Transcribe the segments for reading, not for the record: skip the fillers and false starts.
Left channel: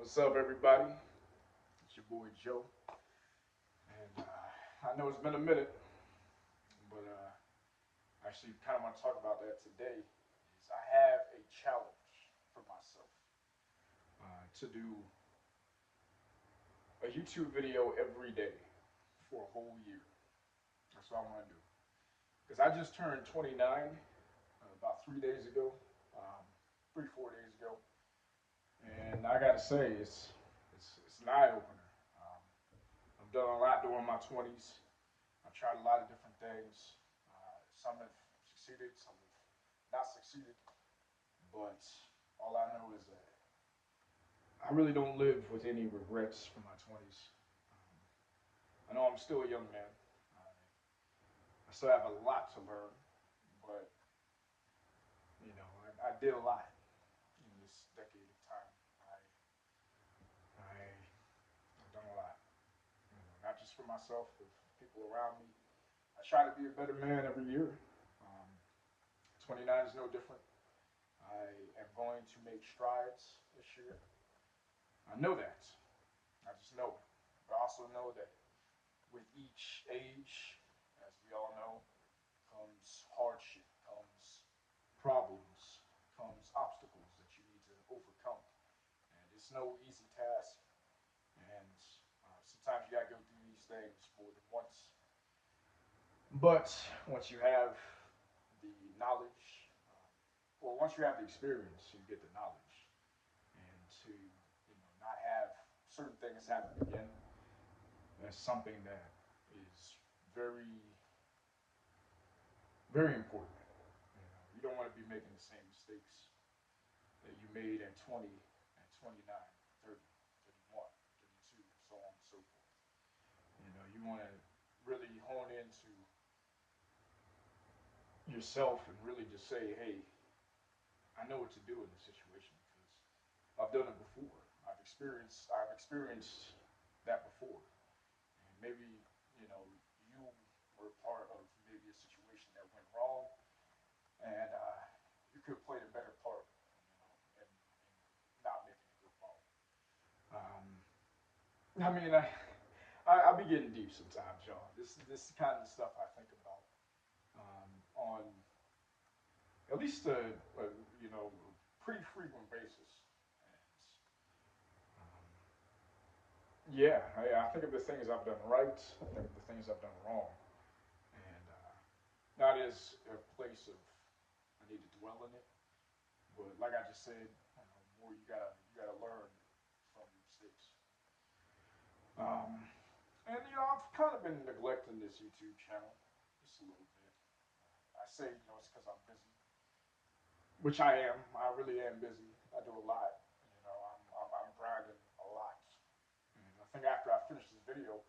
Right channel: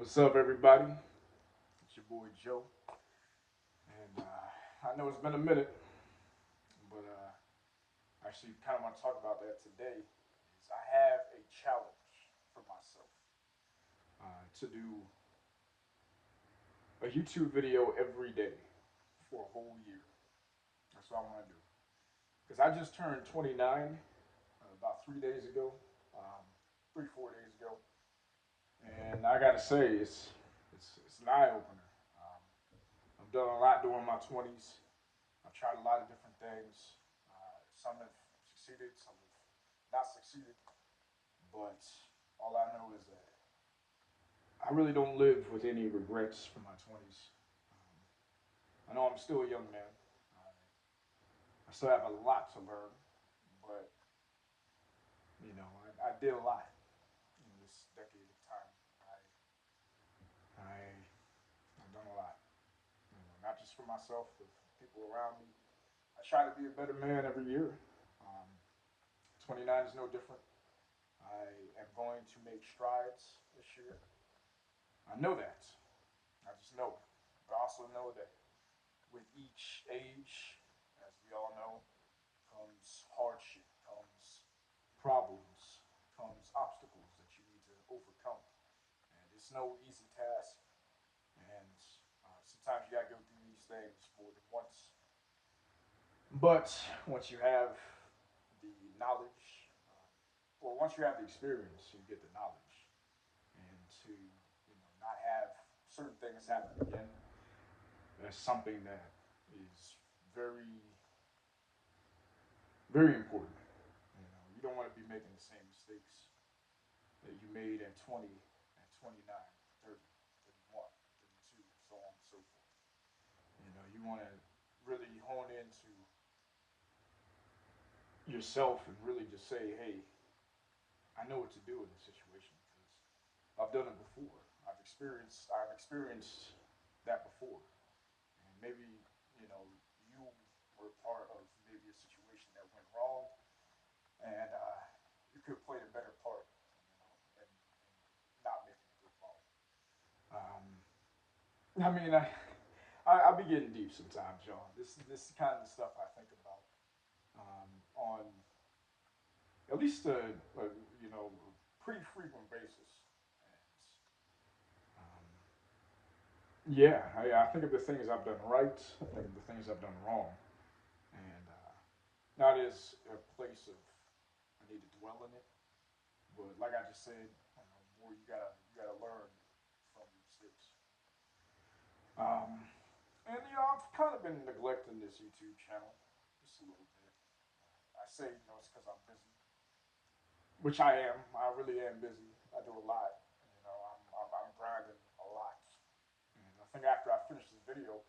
What's up, everybody? It's your boy Joe, and I know it's been a minute, but actually, kind of want to talk about that today. Is I have a challenge for myself to do a YouTube video every day for a whole year. That's what I want to do because I just turned 29 about 3 days ago, um, 3 4 days ago, and I got to say it's an eye opener. Um, I've done a lot during my 20s. I've tried a lot of different things. Some have succeeded, some have not succeeded. But all I know is that I really don't live with any regrets from my 20s. I know I'm still a young man. I still have a lot to learn, but I did a lot in this decade of time. I've done a lot, not just for myself, but for people around me. I try to be a better man every year. Um, 29 is no different. I am going to make strides this year. I know that. I just know. But I also know that with each age, as we all know, comes hardship, comes problems, comes obstacles that you need to overcome. And it's no easy task. And sometimes you gotta go through these things more than once. But once you have the knowledge, well, once you have the experience, you get the knowledge, and to not have certain things happen again, that's something that is very very important. You don't want to be making the same mistakes that you made at 20, at 29, 30, 31, 32, so on and so forth. You want to really hone into yourself and really just say, hey, I know what to do in this situation because I've done it before. I've experienced that before. And maybe, you were part of maybe a situation that went wrong and you could have played a better part, in not making it go wrong. Um, I mean, I be getting deep sometimes, y'all. This kind of stuff I think about on at least a pretty frequent basis. And yeah, I think of the things I've done right. I think of the things I've done wrong, and that is a place of I need to dwell in it. But like I just said, more you gotta learn from your mistakes. Um, and I've kind of been neglecting this YouTube channel just a little bit. I say it's because I'm busy, which I am. I really am busy. I do a lot. I'm grinding a lot. And I think after I finish this video,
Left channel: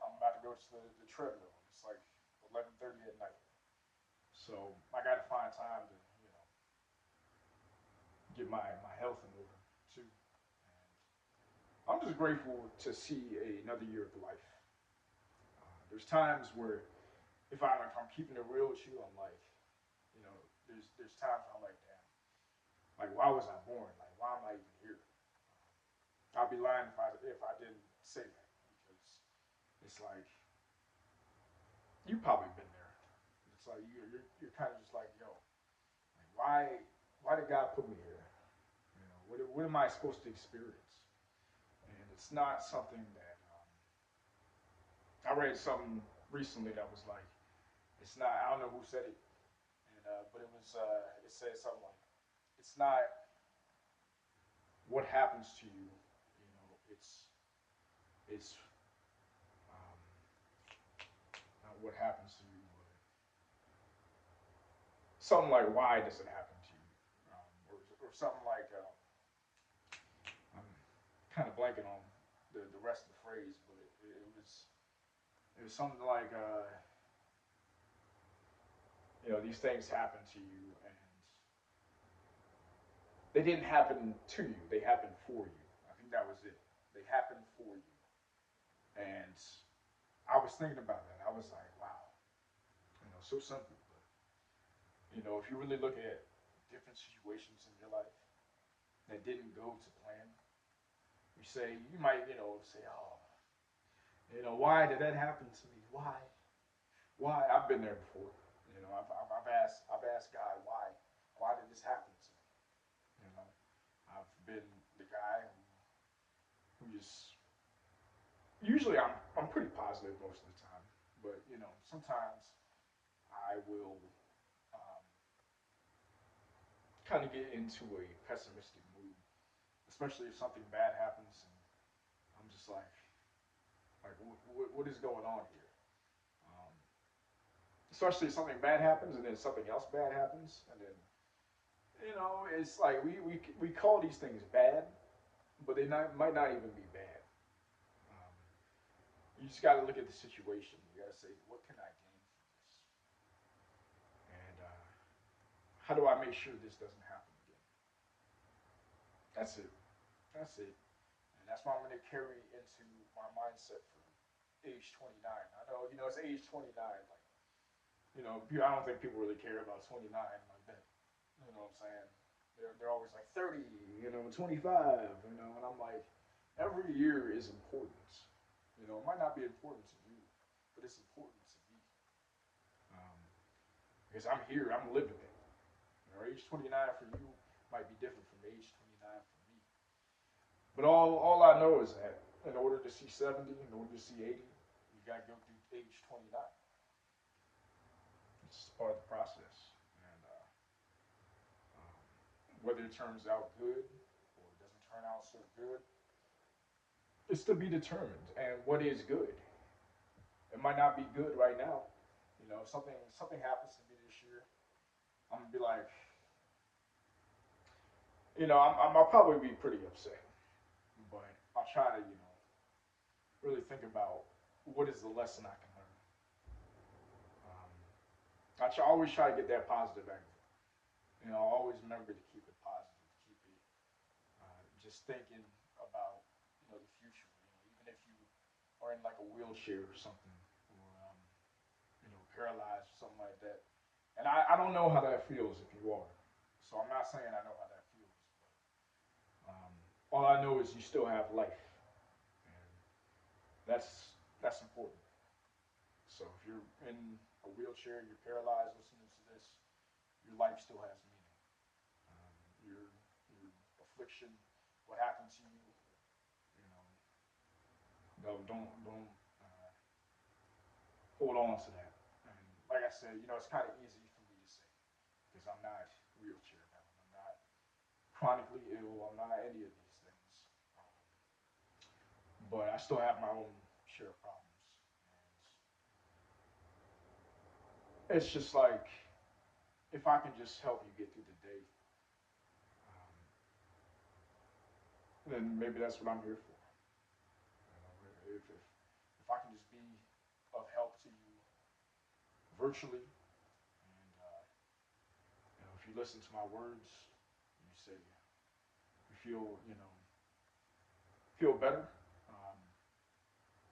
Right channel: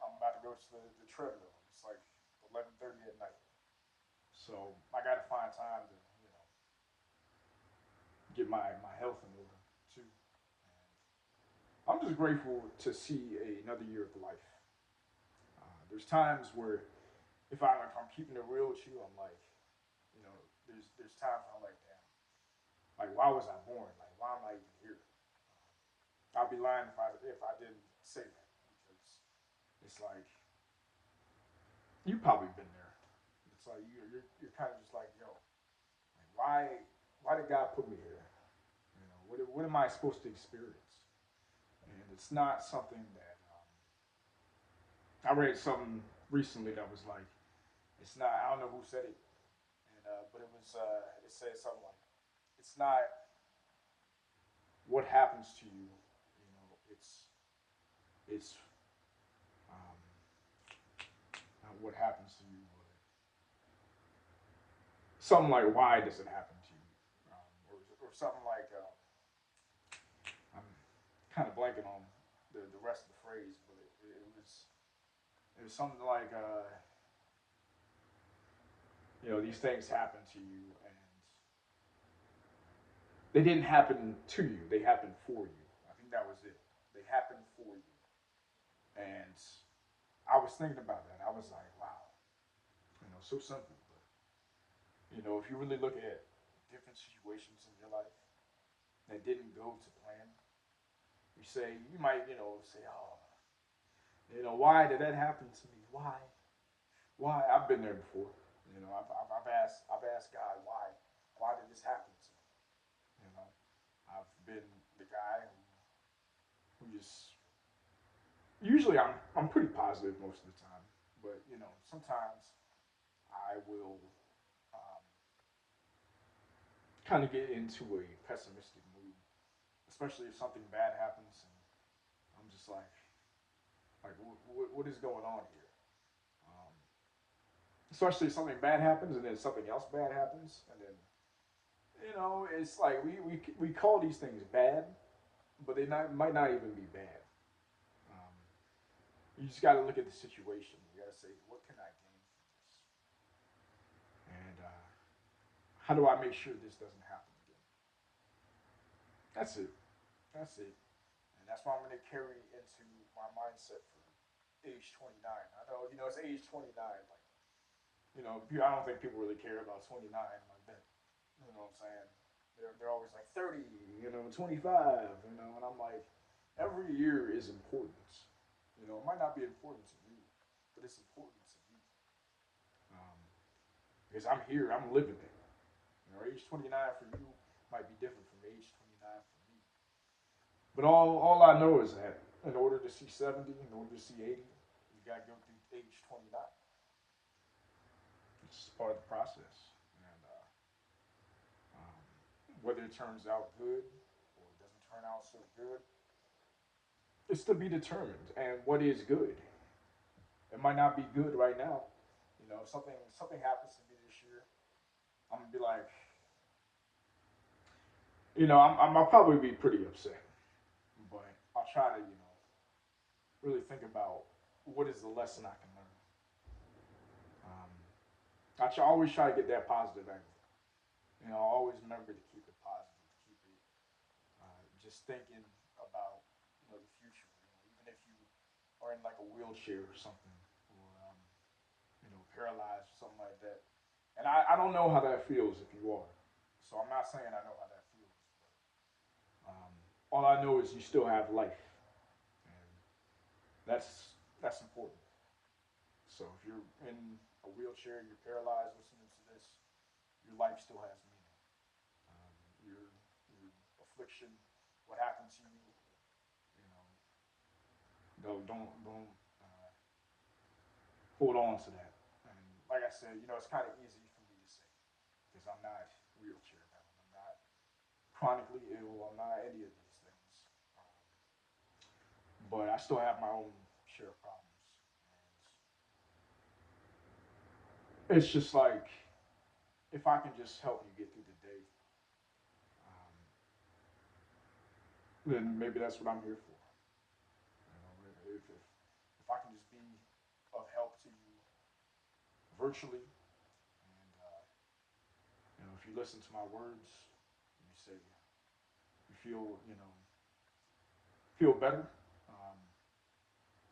I'm about to go to the treadmill. It's like 11:30 at night, so I got to find time to get my health in order too. I'm just grateful to see another year of life. There's times where if I'm keeping it real with you, I'm like, there's times where I'm like, damn, like why was I born? Like why am I even here? I'd be lying if I didn't say that because it's like you've probably been there. It's like you're kind of just like, yo, like why did God put me here? What am I supposed to experience? And it's not something that I read something recently that was like, it's not. I don't know who said it, but it said something like, it's not what happens to you. It's um, not what happens to you, but something like why does it happen to you, or something like I'm kind of blanking on the rest of the phrase, but it was something like these things happen to you and they didn't happen to you, they happened for you. I think that was it. They happened for you. And I was thinking about that. I was like, wow, so simple. But if you really look at different situations in your life that didn't go to plan, you might, say, oh, why did that happen to me? Why? Why? I've been there before. I've asked God, why? Why did this happen to me? You know, I've been the guy who just usually I'm pretty positive most of the time, but sometimes I will um, kind of get into a pessimistic mood, especially if something bad happens, and I'm just like what is going on here? Um, Especially if something bad happens, and then something else bad happens, and then it's like we call these things bad, but might not even be bad. Um, you just got to look at the situation. You got to say, what can I gain from this, and how do I make sure this doesn't happen again? That's it. That's it. And that's what I'm going to carry into my mindset for age 29. I know, it's age 29. Like, I don't think people really care about 29 like that. You know what I'm saying? They're always like 30, 25, and I'm like, every year is important. It might not be important to you, but it's important to me. Um, because I'm here, I'm living it. Age 29 for you might be different from age 29 for me. But all I know is that in order to see 70, in order to see 80, you got to go through age 29. It's part of the process. And whether it turns out good or it doesn't turn out so good, it's to be determined. And what is good? It might not be good right now. Something happens to me this year. I'm gonna be like, I'll probably be pretty upset, but I'll try to, really think about what is the lesson I can learn. Um, always try to get that positive angle. Always remember to keep it positive, to keep it just thinking about the future. Even if you are in like a wheelchair or something, or paralyzed or something like that. And I don't know how that feels if you are. So I'm not saying I know how that feels, but all I know is you still have life, and that's important. So if you're in a wheelchair, you're paralyzed, listening to this, your life still has meaning. Your affliction, what happened to you, you know, don't hold on to that. And like I said, it's kind of easy for me to say because I'm not wheelchair bound. I'm not chronically ill. I'm not any of these things. Um, but I still have my own share of problems. And it's just like if I can just help you get through the day, um, then maybe that's what I'm here for. If I can just be of help to you virtually, and if you listen to my words, you say you feel better,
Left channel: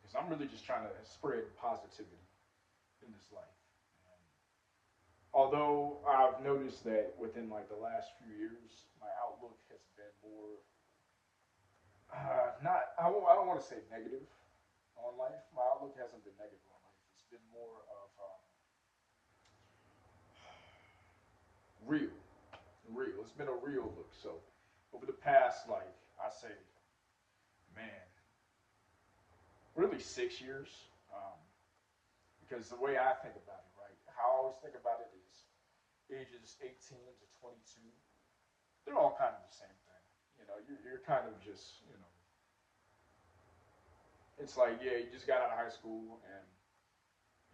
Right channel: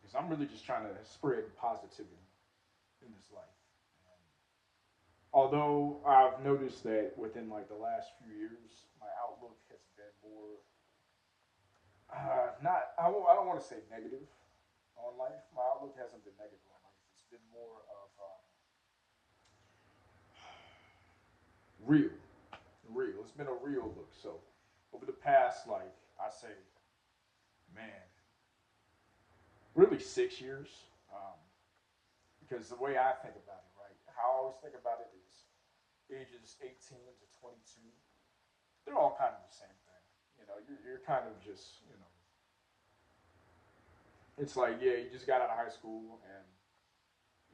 because I'm really just trying to spread positivity in this life. And although I've noticed that within like the last few years, my outlook has been more not I don't want to say negative on life. My outlook hasn't been negative on life. It's been more of real, real. It's been a real look. So over the past, like I say, man, really 6 years. Um, because the way I think about it, right? How I always think about it is ages 18 to 22. They're all kind of the same thing. You're kind of just, it's like, yeah, you just got out of high school and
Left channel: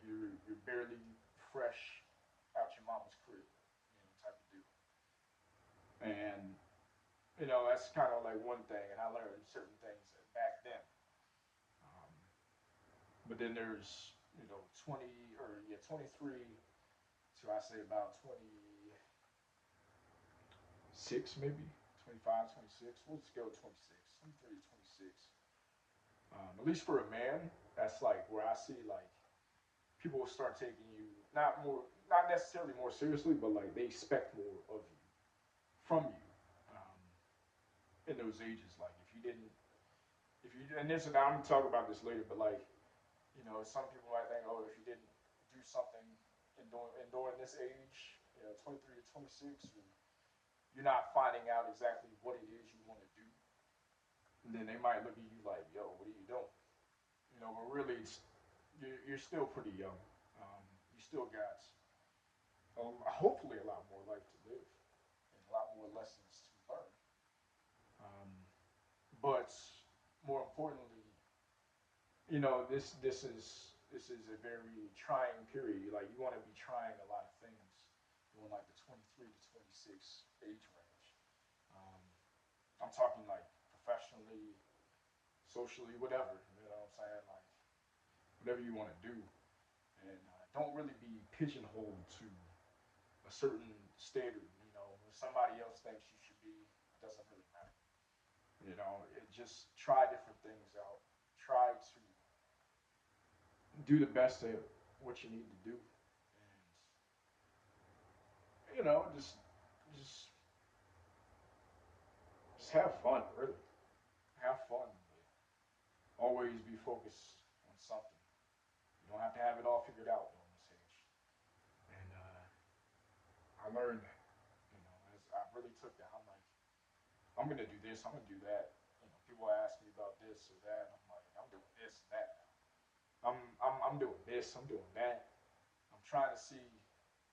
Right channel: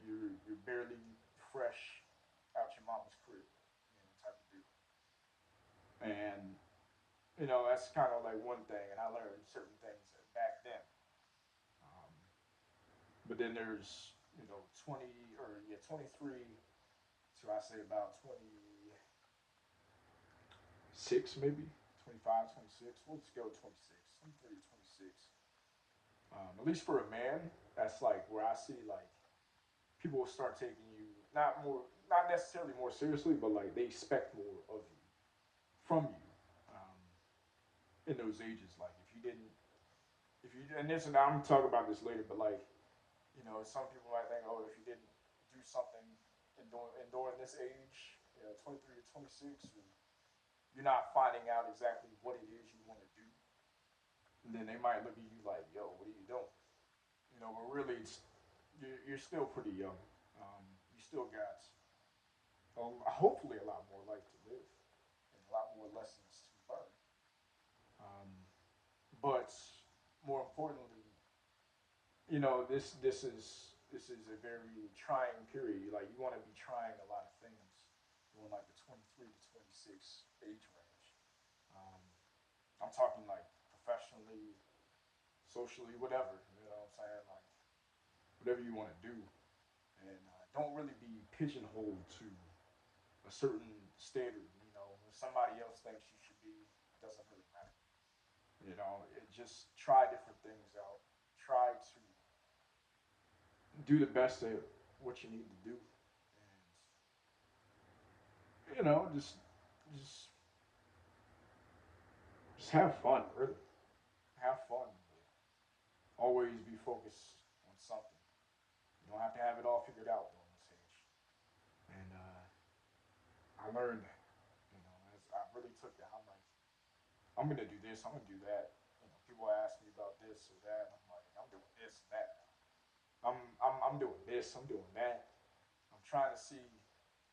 you're barely fresh out your mama's crib, type of deal. And that's kind of like one thing, and I learned certain things back then. Um, but then there's 20 or yeah 23 to I say about 26 maybe 25, 26. We'll just go 26, 23 to 26. At least for a man, that's like where I see like people will start taking you not necessarily more seriously, but like they expect more of you from you um, in those ages. Like if you didn't if you and this and I'm gonna talk about this later, but like some people might think, oh, if you didn't do something during this age, 23 to 26, or you're not finding out exactly what it is you want to do, and then they might look at you like, yo, what are you doing? But really, you're still pretty young. You still got hopefully a lot more life to live and a lot more lessons to learn. Um, but more importantly, this is a very trying period. Like you want to be trying a lot of things during like the 23 to 26 age range. Um, I'm talking like professionally, socially, whatever. You know what I'm saying? Like whatever you want to do, and don't really be pigeonholed to a certain standard. When somebody else thinks you should be, it doesn't really matter. Just try different things out. Try to do the best at what you need to do, and just just have fun. Really, have fun. Always be focused on something. You don't have to have it all figured out during this age. And I learned that. As I really took that. I'm gonna do this. I'm gonna do that. People ask me about this or that. I'm like, I'm doing this and that. I'm doing this. I'm doing that. I'm trying to see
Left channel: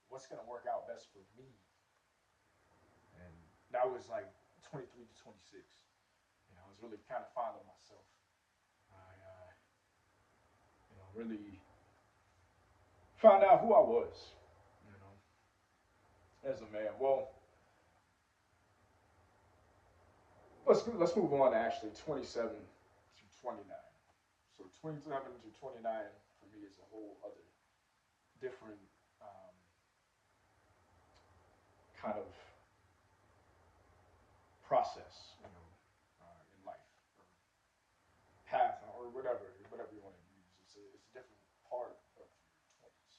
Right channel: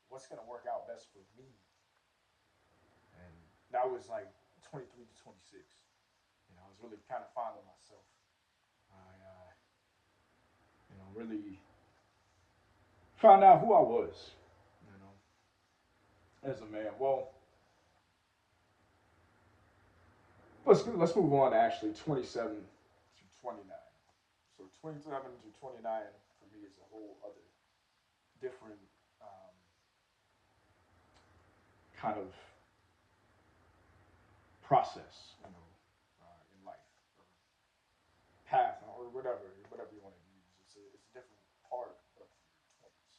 what's gonna work out best for me. And that was like 23 to 26. I was really kind of finding myself. I really found out who I was. As a man. Well, let's move on to actually 27 to 29. So 27 to 29 for me is a whole other different kind of process, in life, or path, or whatever you want to use. It's a different part of your 20s.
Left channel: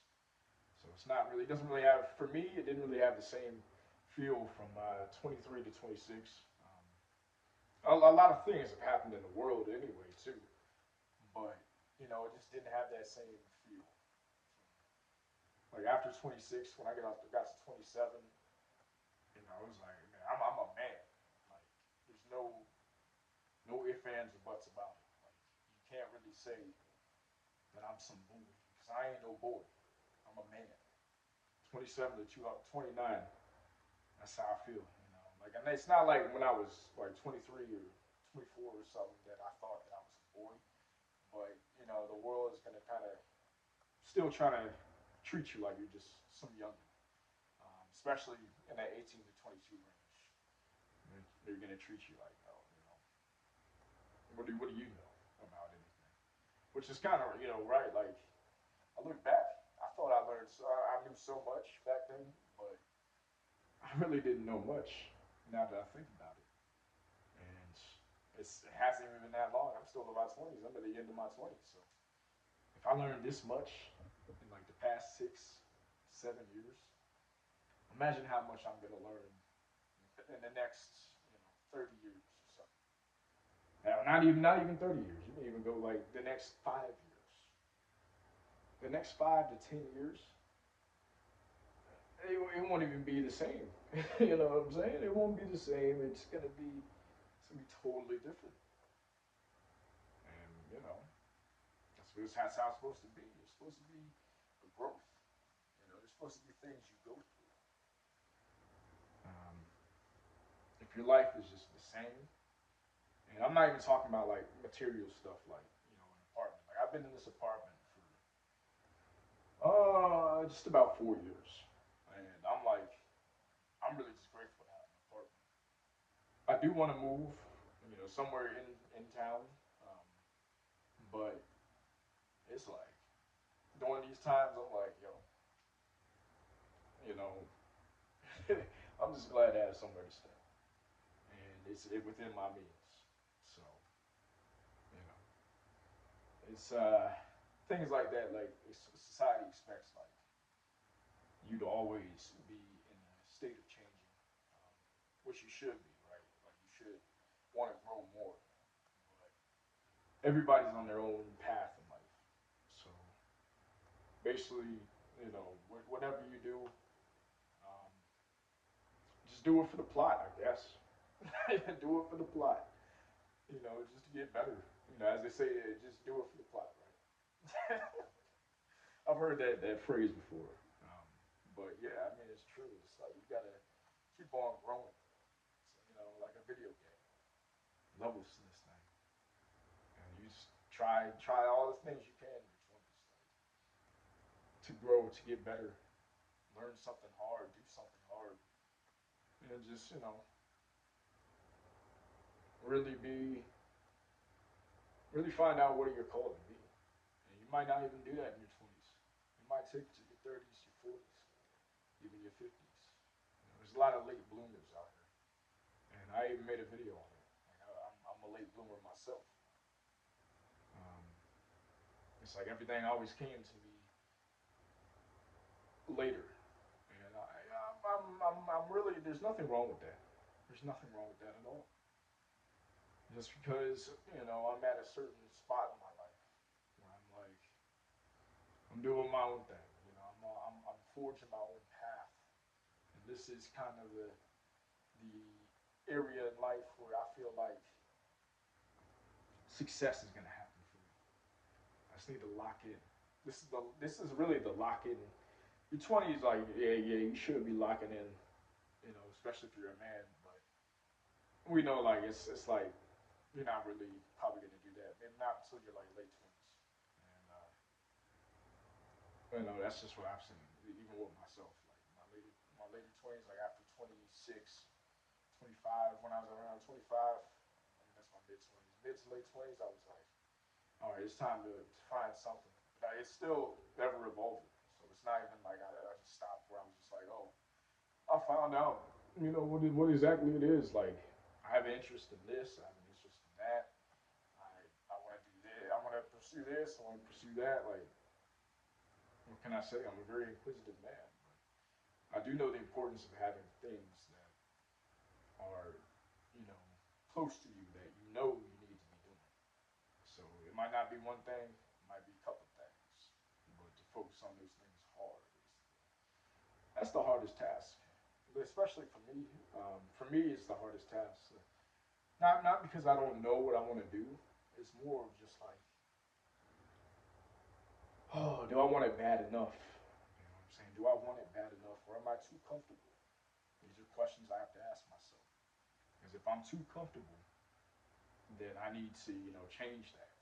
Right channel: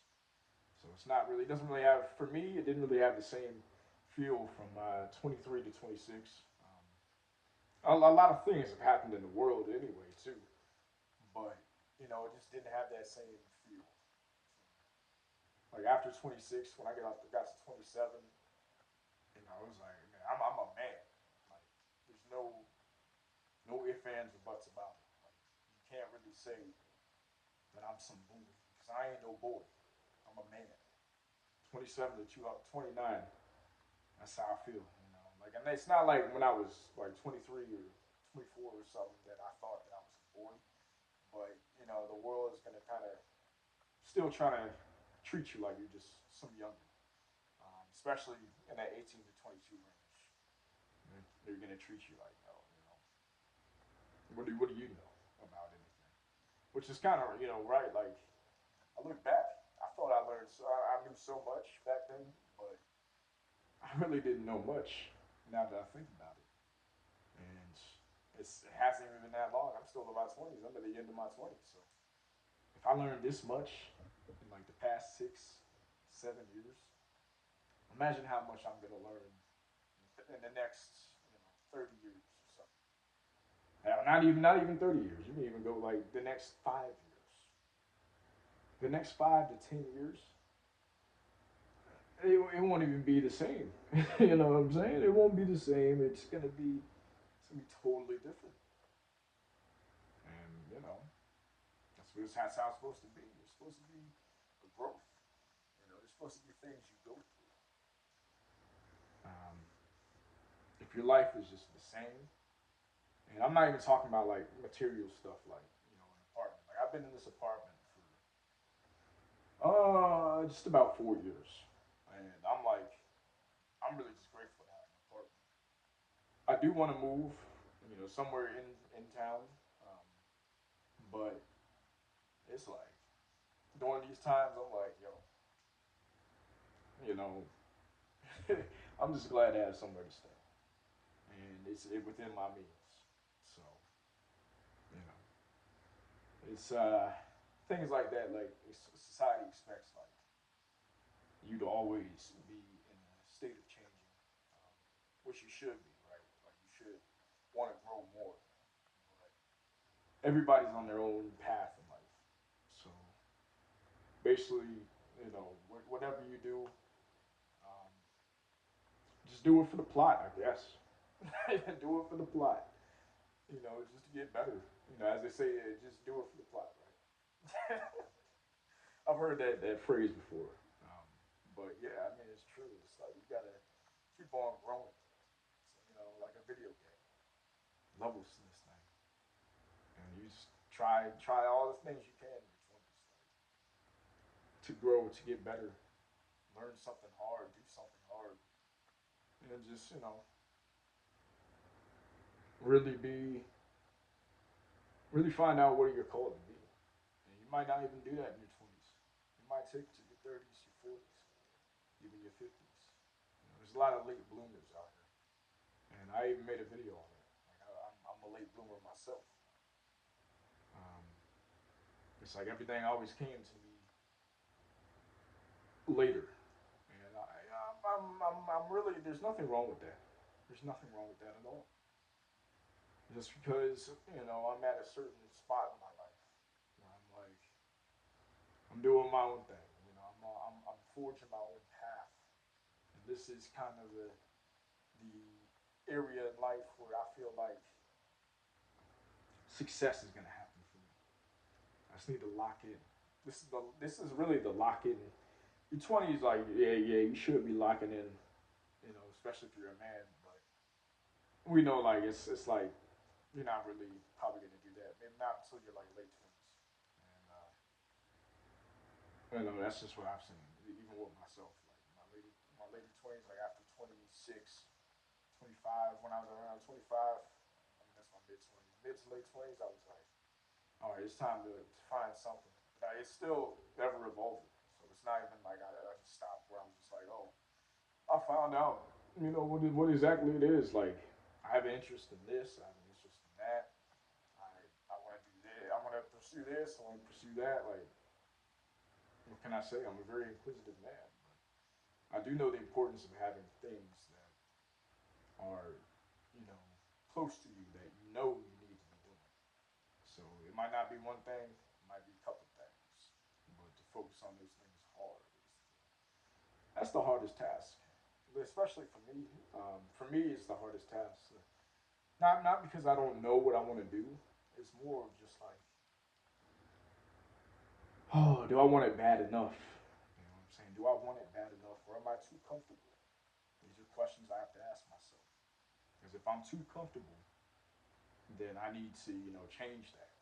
So it's not really, it doesn't really have, for me, it didn't really have the same feel from 23 to 26. A lot of things have happened in the world anyway, too. But, it just didn't have that same feel. Like after 26, when I got to 27, it was like, man, I'm a man. Like, there's no ifs, ands, or buts about it. Like, you can't really say that I'm some boy because I ain't no boy. I'm a man. 27 to 29. That's how I feel. Like, and it's not like when I was like 23 or 24 or something that I thought that I was a boy. But the world is gonna kind of still try to treat you like you're just some youngin, especially in that 18 to 22 range. And they're gonna treat you like, oh, what do you know about anything? Which is kind of right. Like I look back, I thought I learned, I knew so much back then, but I really didn't know much. Now that I think about it, and it hasn't even been that long. I'm still in my 20s. I'm at the end of my 20s, so if I learned this much in like the past 6, 7 years, imagine how much I'm gonna learn in the next 30 years or something. Not even 30 years. You can even go like the next 5 years. The next 5 to 10 years, it won't even be the same. You know what I'm saying? It won't be the same. It's gonna be totally different. And that's how it's supposed to be. It's supposed to be a growth. There's supposed to be things you go through. Um, if your life is just the same, and I'm not even talking about like material stuff like an apartment. Like I've been in this apartment for just about 4 years, and I'm really just grateful to have an apartment. I do want to move, somewhere in town, um, but it's like during these times I'm like, yo, you know, I'm just glad to have somewhere to stay, and it's within my means. So you know, it's things like that. Like society expects like you to always be in a state of changing, which you should be, right? Like you should want to grow more. But everybody's on their own path in life. So basically, whatever you do, um, just do it for the plot, I guess. Do it for the plot. Just to get better. As they say, just do it for the plot, right? I've heard that phrase before. Um, but yeah, I mean, it's true. It's like you gotta keep on growing. So, like a video game, levels to this thing, and you just try all the things you can in your 20s to grow, to get better, learn something hard, do something hard, and just really find out what you're called to be. And you might not even do that in your 20s. You might take it to your 30s, your 40s, even your 50s. There's a lot of late bloomers out here, and I even made a video on it. Like I'm a late bloomer myself. Um, it's like everything always came to me later, and I'm really there's nothing wrong with that. There's nothing wrong with that at all. Just because I'm at a certain spot in my life, I'm like I'm doing my own thing. I'm forging my own path, and this is kind of the area in life where I feel like success is gonna happen for me. I just need to lock in. This is really the lock in. Your 20s, like yeah, you should be locking in. Especially if you're a man, but we know like it's like you're not really probably gonna do that. Maybe not until you're like late 20s, and that's just what I've seen. Even with myself, like my late 20s, like after 26, 25, when I was around 25, I mean that's my mid 20s, mid to late 20s. I was like, all right, it's time to find something. But it's still ever evolving, so it's not even like I just stopped where I'm just like, oh, I found out, what exactly it is. Like, I have an interest in this. I have an interest in that. I I want to do this. I want to pursue this. I want to pursue that. Like, what can I say? I'm a very inquisitive man. But I do know the importance of having things that are, you know, close to you that you need to be doing. So it might not be one thing. It might be a couple things. But to focus on those things hard that's the hardest task. Especially for me. For me, it's the hardest task. Not because I don't know what I want to do. It's more of just like, oh, do I want it bad enough? You know what I'm saying? Do I want it bad enough, or am I too comfortable? These are questions I have to ask myself. Because if I'm too comfortable, then I need to, change that.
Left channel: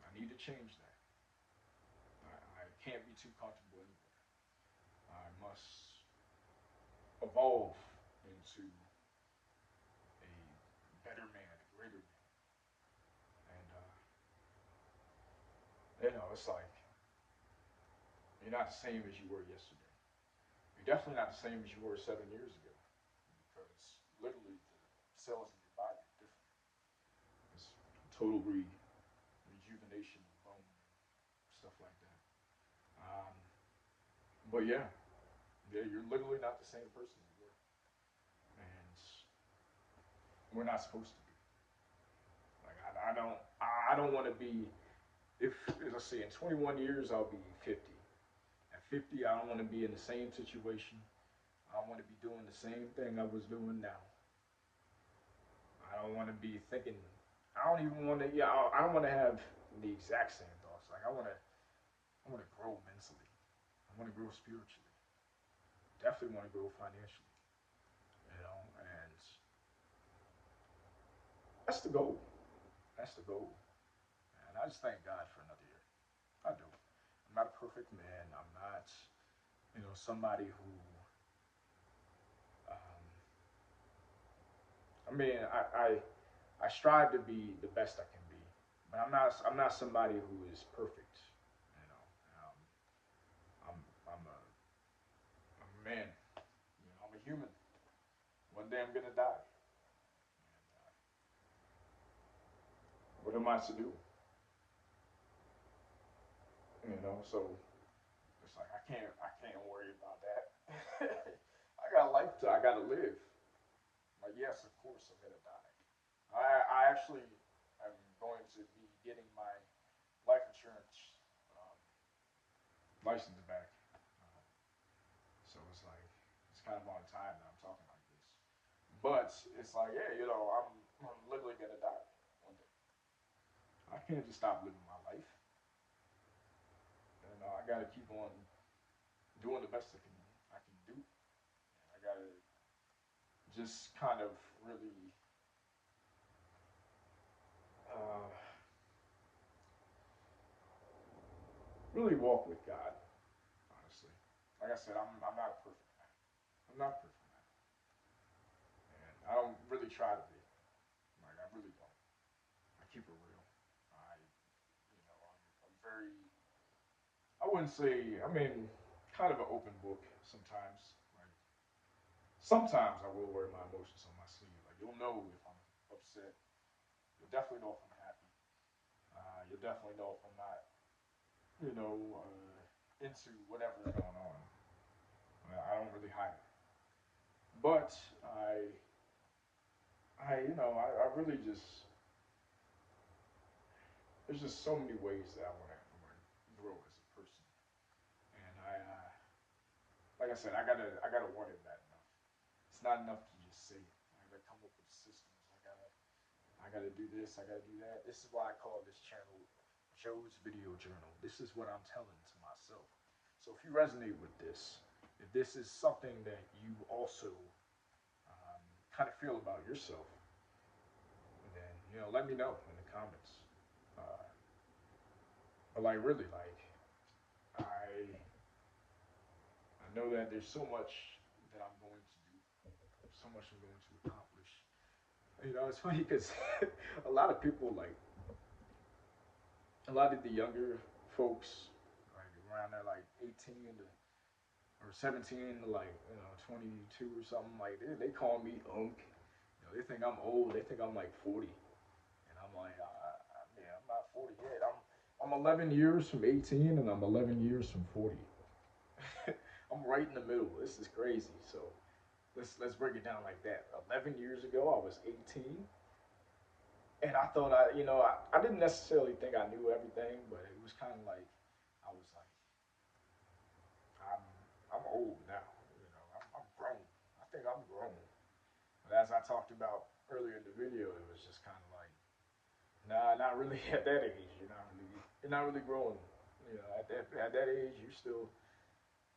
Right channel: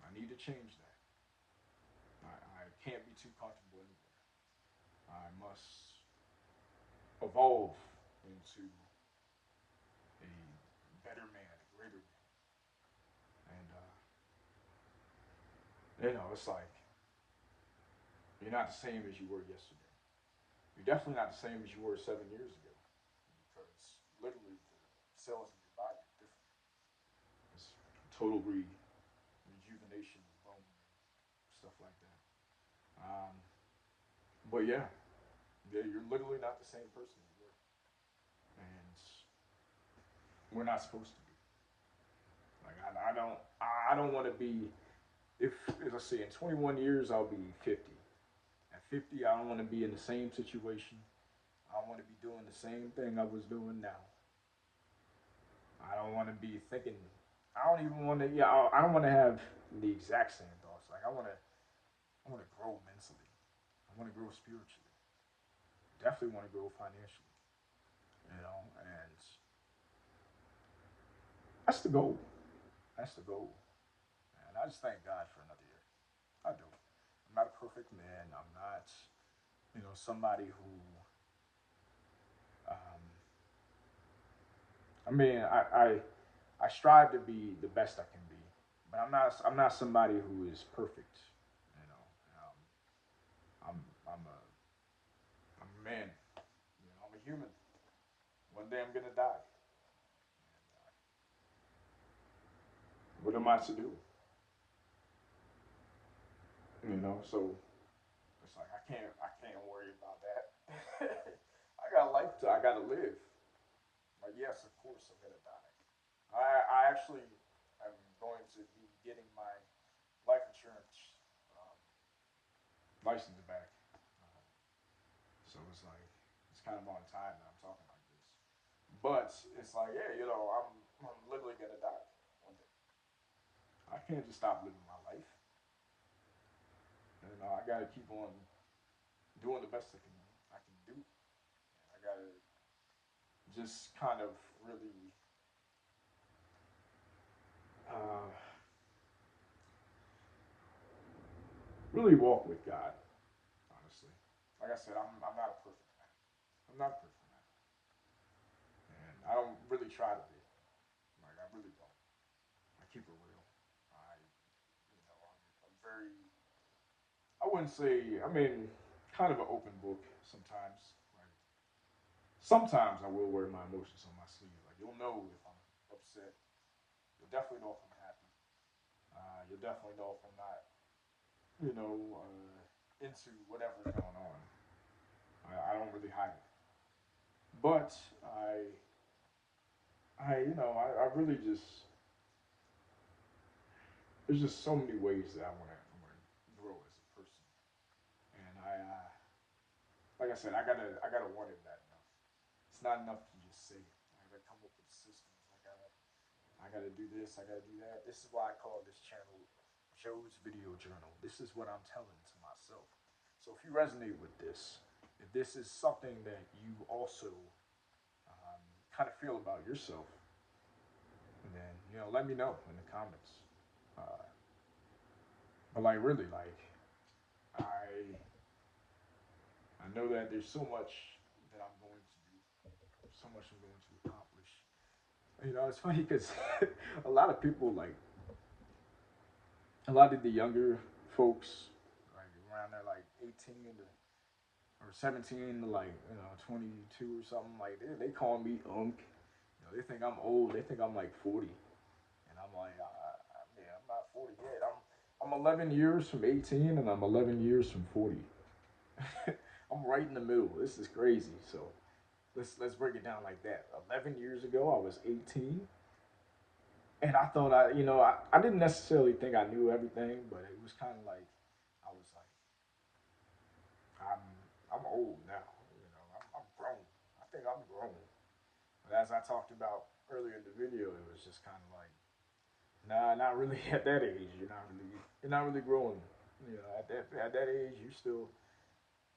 I need to change that. I can't be too comfortable anywhere. I must evolve into a better man, a greater man. And, it's like you're not the same as you were yesterday. You're definitely not the same as you were 7 years ago because literally the cells in your body are different. It's total rejuvenation of bone and stuff like that. Um, but yeah, you're literally not the same person you were, and we're not supposed to be. Like I don't want to be. If as I say, in 21 years I'll be 50. At 50, I don't want to be in the same situation. I want to be doing the same thing I was doing now. I don't want to be thinking. I don't even want to. Yeah, I don't want to have the exact same thoughts. Like I want to. I want to grow mentally. I want to grow spiritually. Definitely want to grow financially. And that's the goal. That's the goal. And I just thank God for another year. I do. I'm not a perfect man. I'm not, somebody who. Um, I mean, I strive to be the best I can be, but I'm not somebody who is perfect. You know, um, I'm a man. I'm a human. One day I'm gonna die. What am I to do? So it's like I can't worry about that. I got life to I gotta live. Like yes, of course I'm gonna die. I actually I'm going to be getting my life insurance um, license back. So it's like it's kind of on time that I'm talking like this. But it's like, yeah, I'm literally gonna die one day. I can't just stop living my life. I gotta keep on doing the best I can do. I gotta just kind of uh, really walk with God. Honestly, like I said, I'm not a perfect man. I'm not a perfect man, and I don't really try to be. Like I really don't. I keep it real. I'm very. I wouldn't say. I mean, kind of an open book sometimes. Like sometimes I will wear my emotions on my sleeve. Like you'll know if I'm upset. You'll definitely know if I'm happy. You'll definitely know if I'm not. Into whatever's going on. I don't really hide it. But I really just there's just so many ways that I want to grow as a person, and like I said, I gotta want it bad enough. It's not enough to just say it. I gotta come up with systems. I gotta do this. I gotta do that. This is why I call this channel Joe's Video Journal. This is what I'm telling to myself. So if you resonate with this, if this is something that you also kind of feel about yourself, then let me know in the comments. Uh, but like really, like I I know that there's so much that I'm going to do, so much I'm going to accomplish. It's funny because a lot of people like a lot of the younger folks, like around there, like 18 to or 17 to like 22 or something, like they call me Unk. They think I'm old. They think I'm like 40, and I'm like, yeah, I'm not 40 yet. I'm 11 years from 18, and I'm 11 years from 40. I'm right in the middle. This is crazy. So let's break it down like that. 11 years ago, I was 18, and I thought I didn't necessarily think I knew everything, but it was kind of like I was like I'm I'm old now. I'm grown. I think I'm grown. But as I talked about earlier in the video, it was just kind of like, nah, not really at that age. You're not really growing. At that age, you're still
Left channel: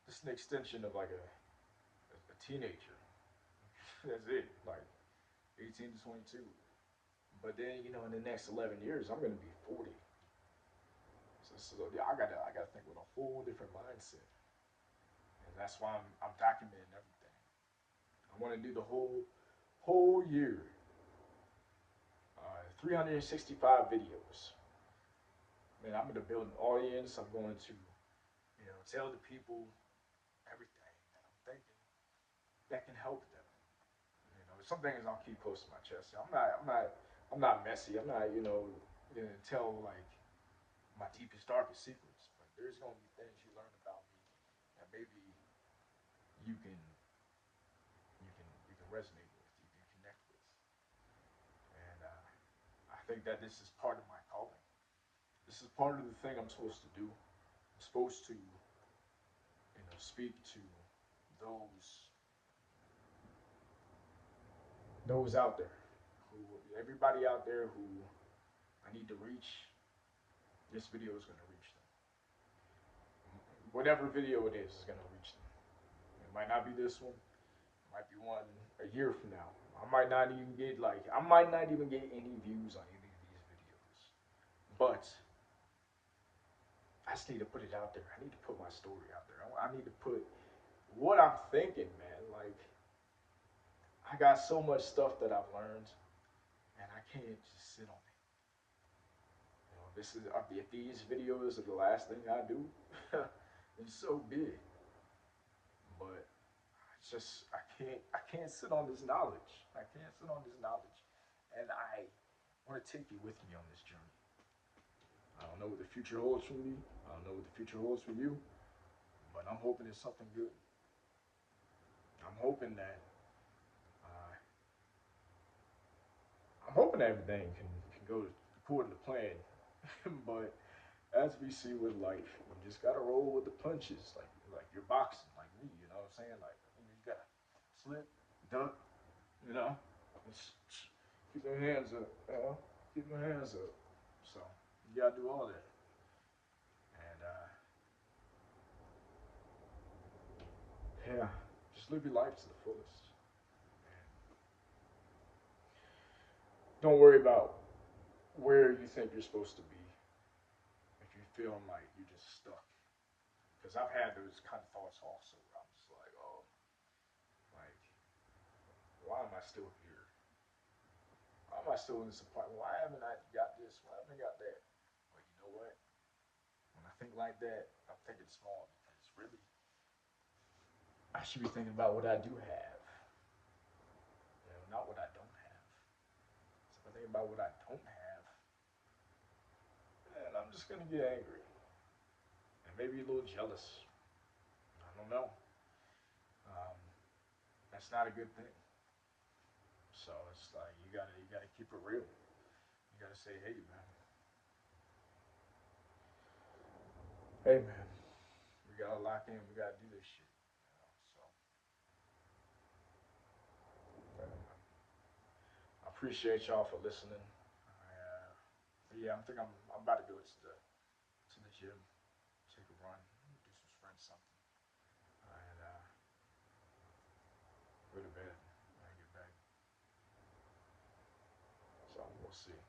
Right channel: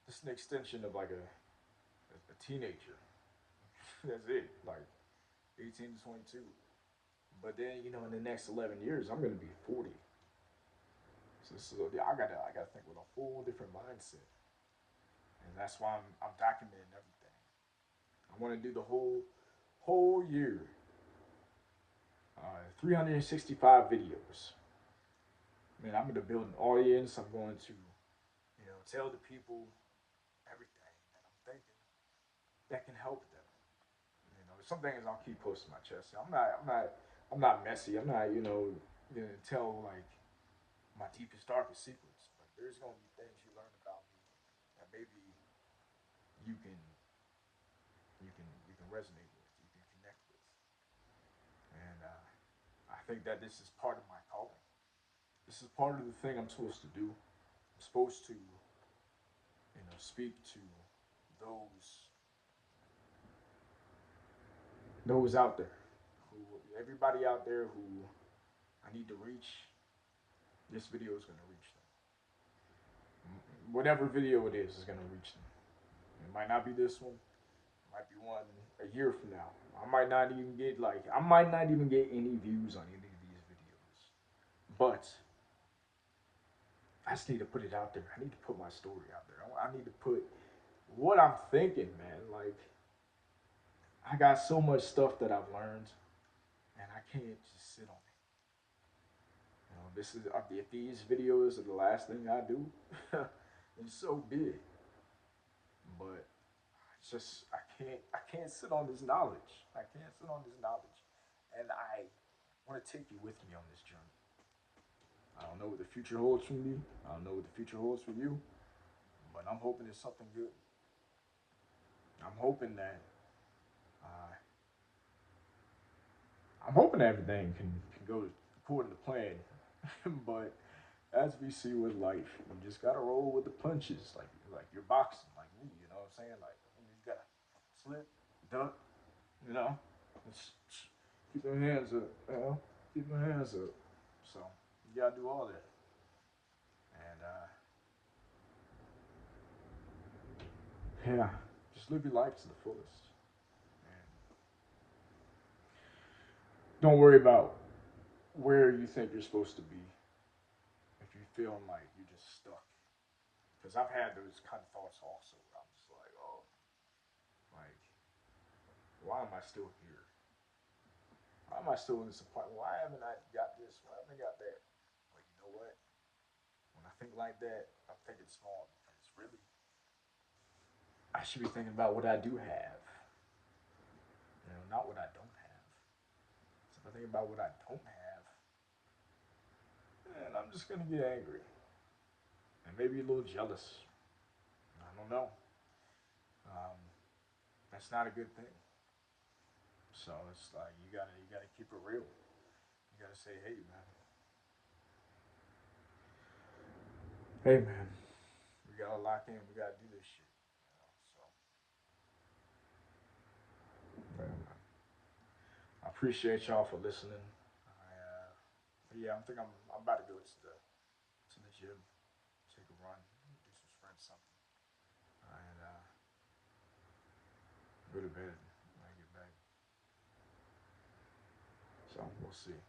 just an extension of like a teenager. That's it. Like 18 to 22. But then, in the next 11 years, I'm going to be 40. So I gotta think with a full different mindset, and that's why I'm documenting everything. I want to do the whole year, 365 videos. Man, I'm going to build an audience. I'm going to, tell the people everything that I'm thinking that can help them. Some things I'll keep close to my chest. I'm not messy. I'm not, gonna tell like my deepest, darkest secrets. But there's gonna be things you learn about me that maybe you can you can resonate with, you can connect with, and I think that this is part of my calling. This is part of the thing I'm supposed to do. I'm supposed to, speak to those those out there, who everybody out there who I need to reach. This video is gonna reach them. Whatever video it is gonna reach them. It might not be this one. It might be one a year from now. I might not even get any views on any of these videos. But I just need to put it out there. I need to put my story out there. I need to put what I'm thinking, man. Like I got so much stuff that I've learned, and I can't just sit on it. This is if these videos are the last thing I do, it's so big. But it's just I can't sit on this knowledge. I can't sit on this knowledge, and I want to take you with me on this journey. I don't know what the future holds for me. I don't know what the future holds for you, but I'm hoping it's something good. I'm hoping that uh, I'm hoping everything can go according to plan. But as we see with life, you just gotta roll with the punches, like you're boxing, like me. You know what I'm saying? Like you just gotta slip, duck. You know, keep your hands up. You know, keep your hands up. So you gotta do all that, and yeah, just live your life to the fullest. And don't worry about where you think you're supposed to be if you feel like you're just stuck. Because I've had those kind of thoughts also. I'm just like, oh, like, why am I still here? Why am I still in this apartment? Why haven't I got this? Why haven't I got that? But you know what? When I think like that, I'm thinking small because really, I should be thinking about what I do have, not what I don't have. So if I think about what I don't have, man, I'm just gonna get angry and maybe a little jealous. I don't know. Um, that's not a good thing. So it's like you gotta keep it real. You gotta say, hey man, we gotta lock in. We gotta do this shit. So I appreciate y'all for listening. Yeah, I'm about to go to the gym, take a run, do some sprints, something, and go to bed and get back. So we'll see.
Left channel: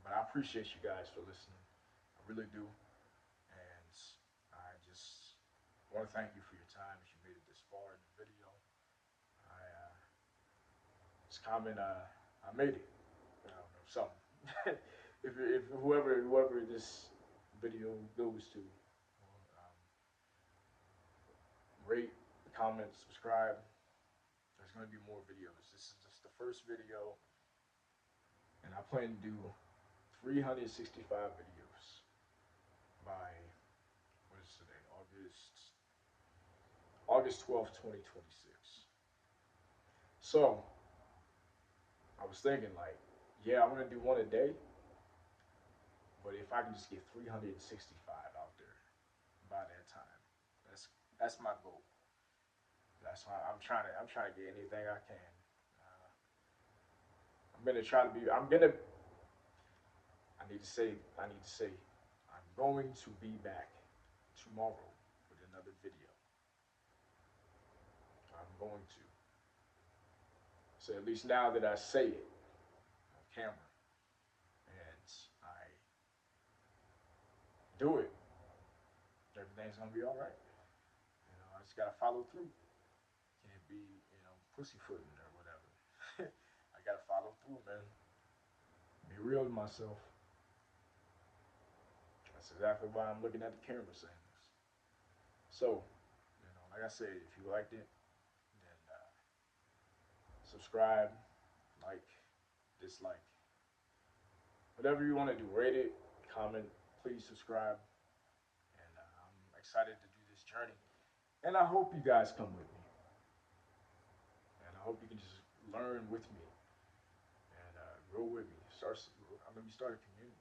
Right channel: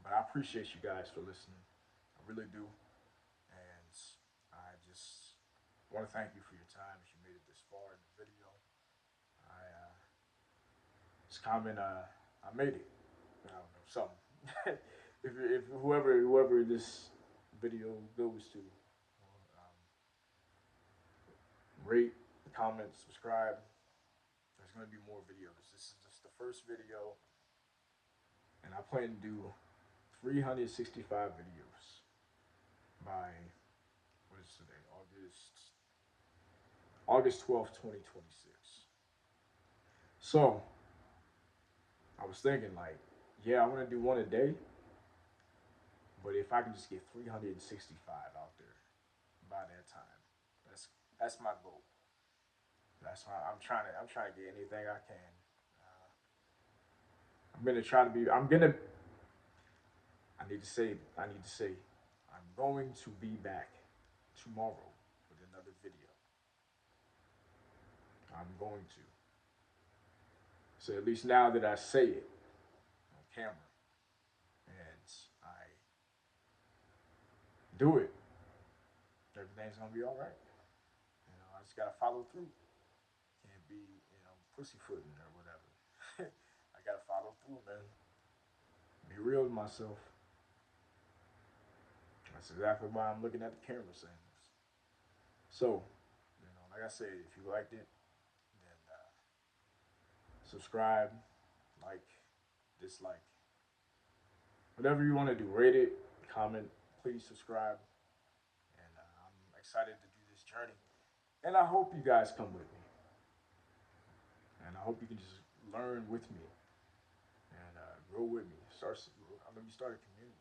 But I appreciate you guys for listening. I really do. And I just want to thank you for your time. If you made it this far in the video, I just comment. I made it. I don't know something. If whoever this video goes to, rate, comment, subscribe. There's going to be more videos. This is just the first video, and I plan to do 365 videos by what is today? August 12th, 2026. So I was thinking like, yeah, I'm gonna do one a day, but if I can just get 365 out there by that time, that's my goal. That's why I'm trying to get anything I can. Uh, I'm gonna try to be. I'm gonna. I need to say. I need to say. I'm going to be back tomorrow with another video. I'm going to. So at least now that I say it on camera and I do it, everything's gonna be all right. I just gotta follow through and be, pussyfooting or whatever. I gotta follow through, man. Be real with myself. That's exactly why I'm looking at the camera saying this. So, like I said, if you liked it, then subscribe, like, dislike, whatever you want to do. Rate it, comment, please subscribe. And I'm excited to do this journey. And I hope you guys come with me. And I hope you can just learn with me and grow with me. I'm going to start a community.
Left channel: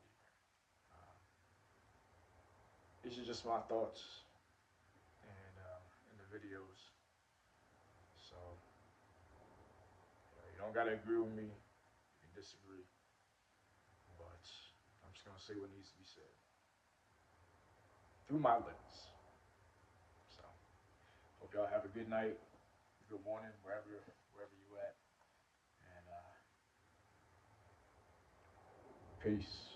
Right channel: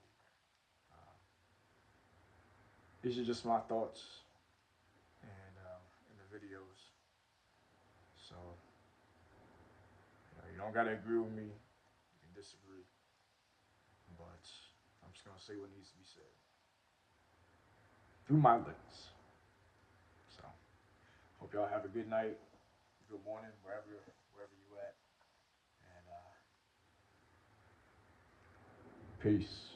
These are just my thoughts and in the videos. So you don't got to agree with me and disagree. But I'm just going to say what needs to be said through my lens. So hope y'all have a good night, good morning, wherever you at. And peace.